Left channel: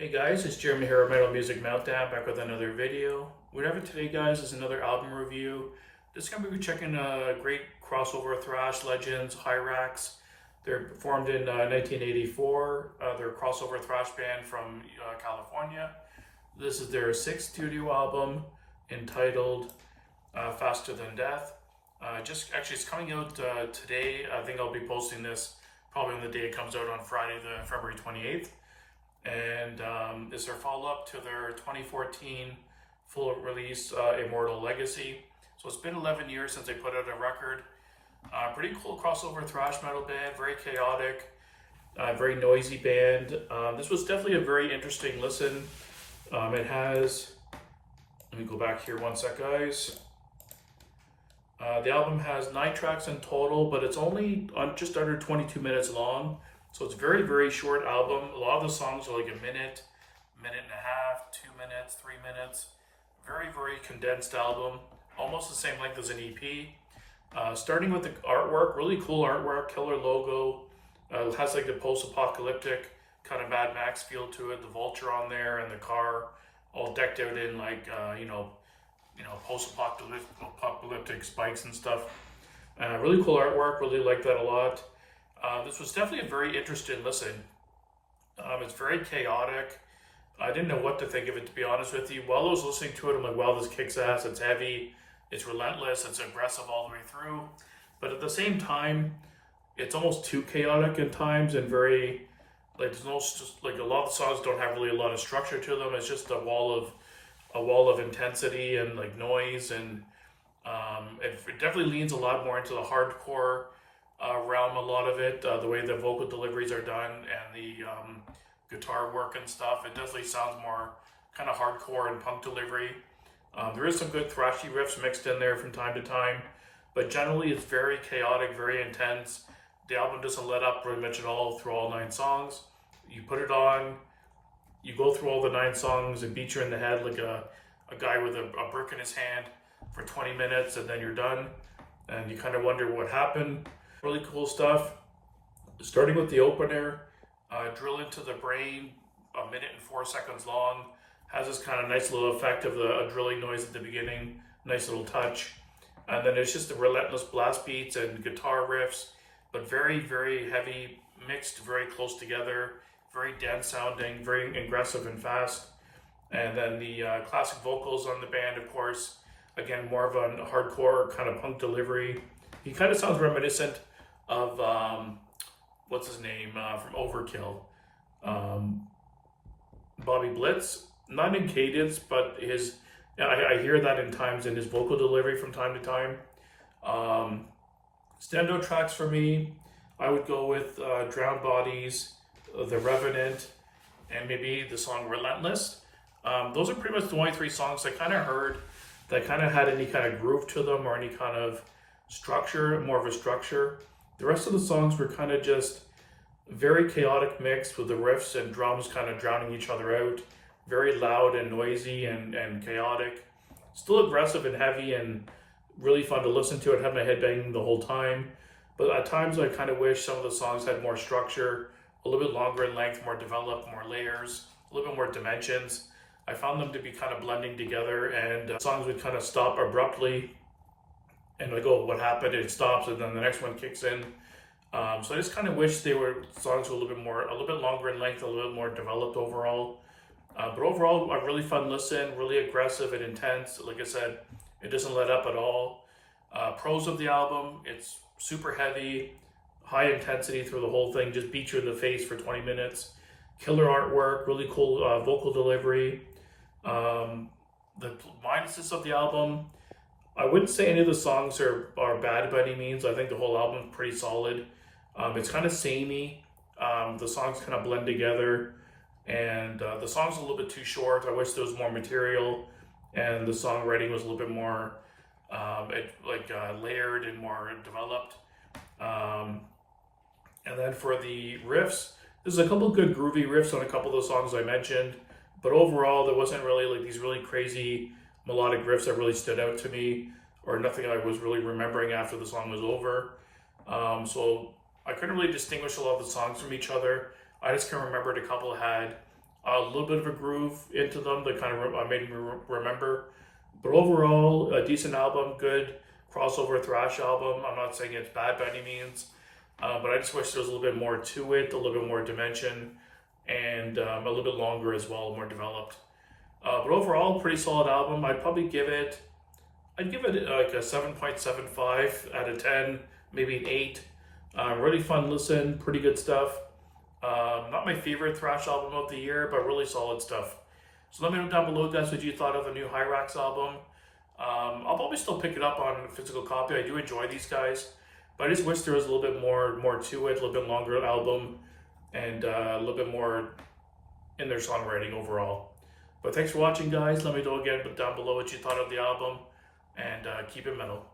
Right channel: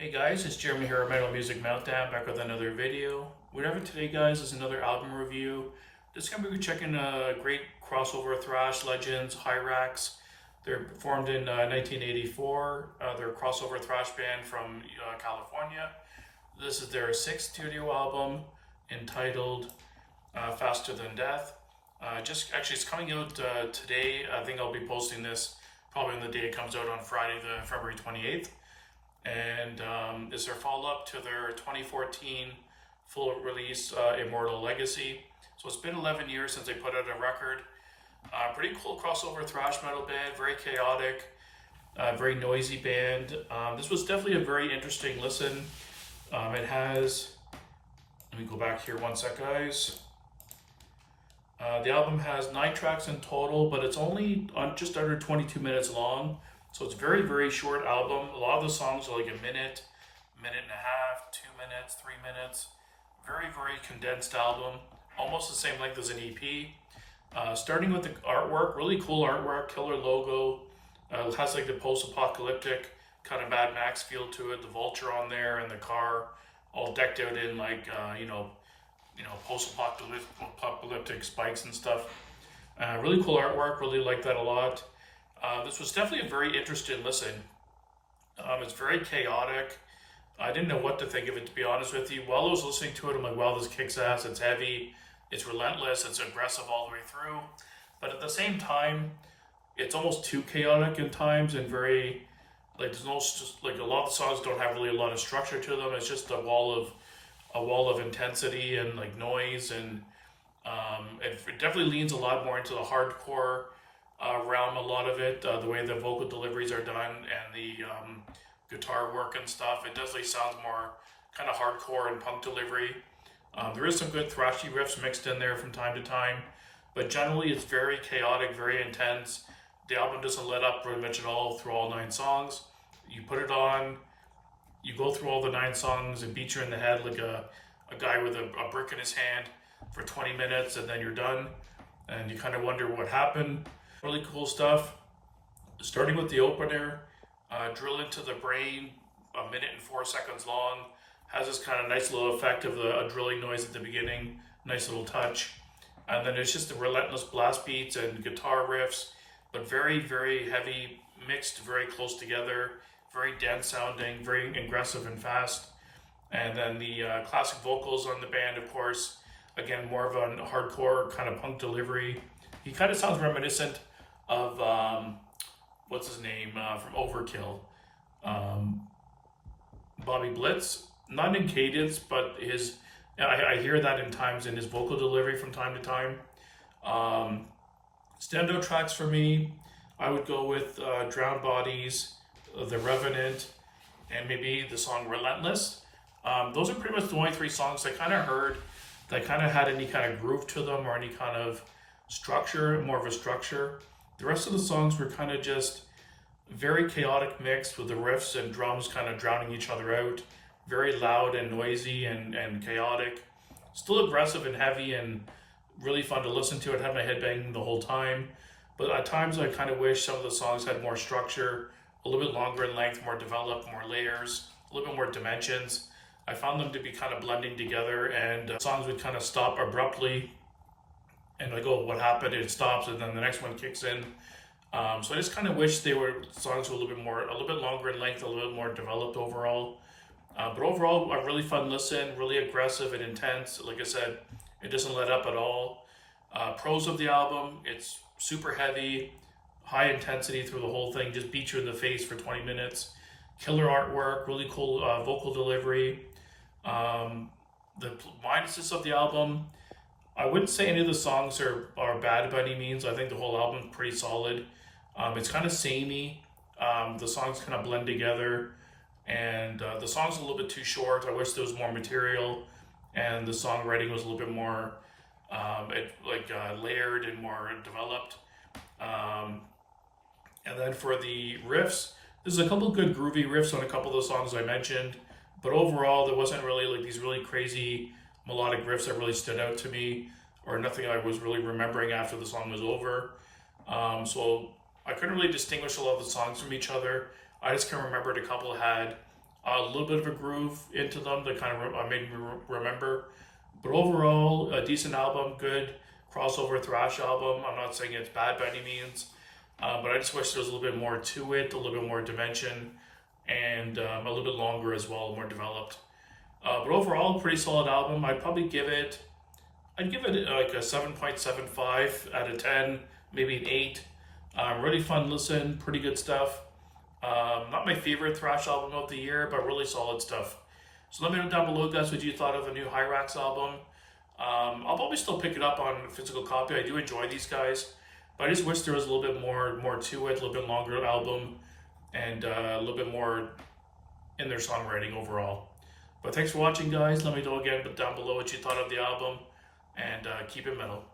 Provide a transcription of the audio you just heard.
Hey guys, it's Jeremy here at Metal Music Meltdown, back with another video. What I have today, guys, is another album review. This is going to be checking great crossover thrash legends, Hirax. They're formed in 1984. They're a crossover thrash band from California. This is their sixth studio album entitled Faster Than Death. It's coming out today. I think I'll be posting this probably on the day it comes out on Friday, the February 28th. And is their follow-up to their 2014 full release Immortal Legacy. So it's been 11 years since they put out a record. Pretty cool crossover thrash metal band, very chaotic, very noisy band. This was definitely a very interesting listen. It has, let me go back here one sec, guys. The album has 9 tracks in total, but it's only just under 22 minutes long. So it's a very, very short album. A lot of the songs are like a minute, minute and a half, 2 minutes, 3 minutes. Very, very condensed album. Almost the same length as an EP. Starting with the artwork, really cool artwork, killer logo. It has like the post-apocalyptic kind of Mad Max feel to it. The vulture on there and the car all decked out in like, post-apocalyptic spikes and stuff. Really cool artwork, really like that a lot. This was definitely a very interesting listen. It's very chaotic. I didn't know what to think of it, to be honest with you. While I was listening to it, I'm like, wow, this kicks ass. It's heavy. It's relentless. It's aggressive all the way through. But at the same time, it's almost too chaotic in times and very, like, there's no, just like a lot of the songs don't have really a lot of structure to them. It's just a wall of intensity and like noise, and it definitely leans a lot more into the hardcore realm, a lot of it, the way the vocal deliveries are done and the guitar work and stuff. It definitely sounds more kind of hardcore and punk delivery. There is some good thrashy riffs mixed in there from time to time, but generally it's very chaotic, very intense. The album doesn't let up pretty much at all through all 9 songs. You put it on, you go through all the 9 songs, it beats you in the head like a guy with a brick in his hand for 20 minutes, and then you're done, and you kind of wonder what happened. Really cool stuff. Starting with the opener, Drill Into the Brain, 1 minute and 4 seconds long. Has this kind of nice little effect of a drilling noise at the beginning, nice little touch. And then it's just the relentless blast beats and guitar riffs, but very, very heavy, mixed very close together, very dense sounding, very aggressive and fast. And then the classic vocals on the band, of course, again, more of a hardcore kind of punk delivery. He kind of sounds reminiscent of what's his name from Overkill, Bobby Blitz. Not in cadence, but I hear that in times in his vocal delivery from time to time. Standout tracks for me, I would go with Drowned Bodies, The Revenant, and maybe the song Relentless. Those are pretty much the only 3 songs I kind of heard that kind of had any kind of groove to them or any kind of structure, more of a structure. The rest of the songs were kind of just very chaotic mix with the riffs and drums kind of drowning each other out. Very loud and noisy and chaotic. Still aggressive and heavy and really fun to listen to. It had my head banging the whole time. But at times I kind of wish some of the songs had more structure, a little bit longer in length, more developed, more layers, a little bit more dimensions. I found them to be kind of blending together, and songs would kind of stop abruptly and like, oh, what happened? It stops, and then the next one kicks in. So I just kind of wish songs were a little bit longer in length, a little bit more developed overall. But overall, a really fun listen, really aggressive and intense. Like I said, it doesn't let up at all. Pros of the album, it's super heavy, high intensity through the whole thing, just beat you in the face for 20 minutes. Killer artwork, really cool vocal delivery. The minuses of the album, I wouldn't say any of the songs are bad by any means. I think the whole album is pretty solid. It's kind of samey. The songs kind of blend together, and the song's a little bit too short. I wish there was more material, and the songwriting was a little bit more layered and more developed. And then for the riffs, there's a couple good groovy riffs on a couple of the songs I mentioned, but overall there wasn't really like these really crazy melodic riffs that really stood out to me, or nothing I was really remembering after the song was over. So I couldn't really distinguish a lot of the songs from each other. I just can remember a couple had A little bit of a groove into them that kind of made me remember. But overall, a decent album, good crossover thrash album. I'm not saying it's bad by any means, but I just wish there was a little bit more to it, a little bit more dimension, and a little bit longer as well, more developed. But overall, pretty solid album. I'd give it like a 7.75 out of 10, maybe an 8. Really fun listen, pretty good stuff. Not my favorite thrash album of the year, but really solid stuff. So let me know down below, guys, what you thought of the new Hirax album. I'll probably still pick it up on a physical copy. I do enjoy these guys, but I just wish there was a little bit more to it, a little bit longer album, and a little bit more in their songwriting overall. But thanks for watching, guys. Let me know again down below what you thought of the album, and keep it metal.